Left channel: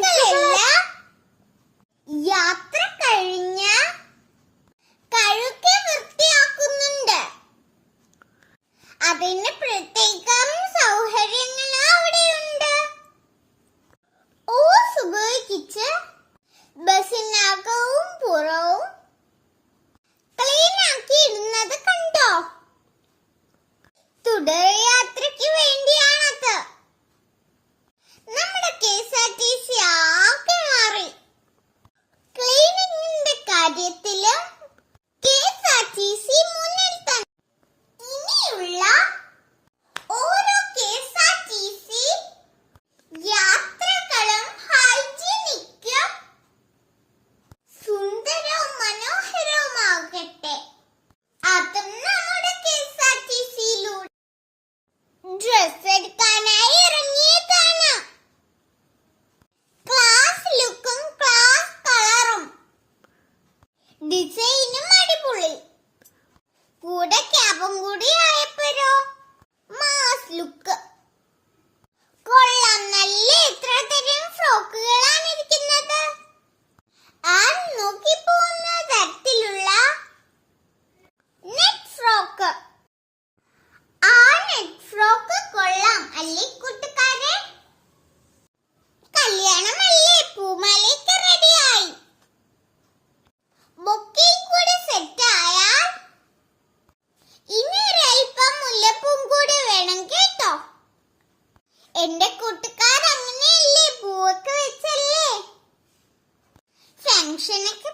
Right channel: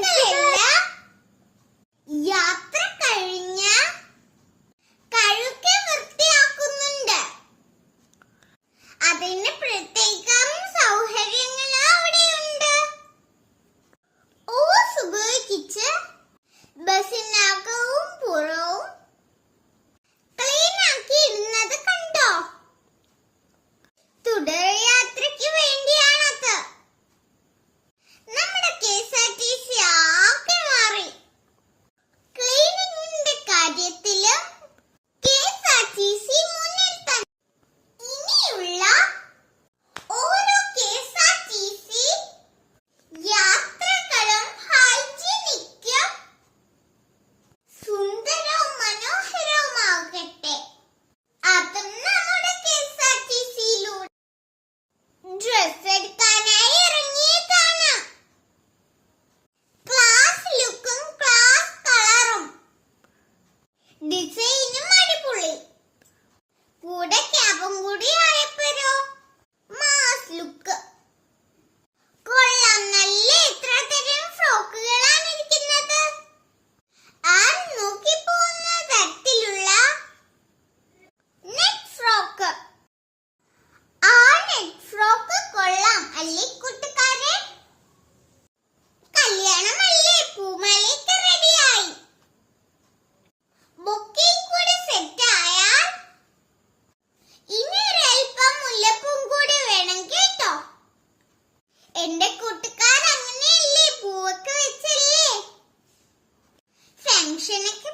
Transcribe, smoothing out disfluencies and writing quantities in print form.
ബസ്സുകളെല്ലാം യാത്ര കഴിഞ്ഞ കഴുകി വൃത്തിയാക്കുന്നുണ്ട്. അതിന് പ്രത്യേകം സൗകര്യങ്ങൾ അവിടെയുണ്ട്. ഓസ് ഉപയോഗിച്ച് ബസ്സിനകവും പുറവും ക്ലീൻ ആക്കി ഇടുന്നത് കണ്ടോ? തുടർ യാത്രയ്ക്ക് വേണ്ടിയാണത്. നമ്മുടെ KSRTC ആകെ മാറി. ക്ലീനിങ്ങിന്റെ കാര്യത്തിലും KSRTC മുന്നിൽ തന്നെ. ഇനിയുള്ള ഓരോ KSRTC യാത്രകളും ഹൈജീനിക്കും സുന്ദരവും മനോഹരവുമാകട്ടെ. അതും നമ്മുടെ KSRTCയിലൂടെ. ഡ്രസ് എടുക്കാനായി ഇറങ്ങിയതാണ്. ക്ലാസ് ലുക്കും ക്ലാസ് കളറും ഡിസൈനും അടിപൊളി. കൂടെ ക്യാബും കൂടി ആയപ്പോഴോ മാസ് ലുക്ക്. കൊള്ളാം. നല്ല എത്ര തരം ഫ്രോക്കുകളാണ് ഇരിക്കുന്നത്. ആ നോക്കി പോകുന്ന തരത്തിലുള്ള നെറ്റ് ഫ്രോക്ക്. ആ നെറ്റ് ഫ്രോക്ക് കൊള്ളാം അല്ലേ കൂട്ടുകാരെ? കല്യാണമല്ലേ, പൂമാലയ്ക്ക് റെഡിയായി. ബൊക്കെയും കൂടെ സെറ്റ് ആയാൽ ഇനി ഒരൽപ്പം മുല്ലപ്പൂം കൂടെ വേണം കേട്ടോ. എന്റെ കൂട്ടുകാർ അങ്ങനെയല്ലേ, പൂവൊക്കെ വെച്ചല്ലേ ഫംഗ്ഷനൊക്കെ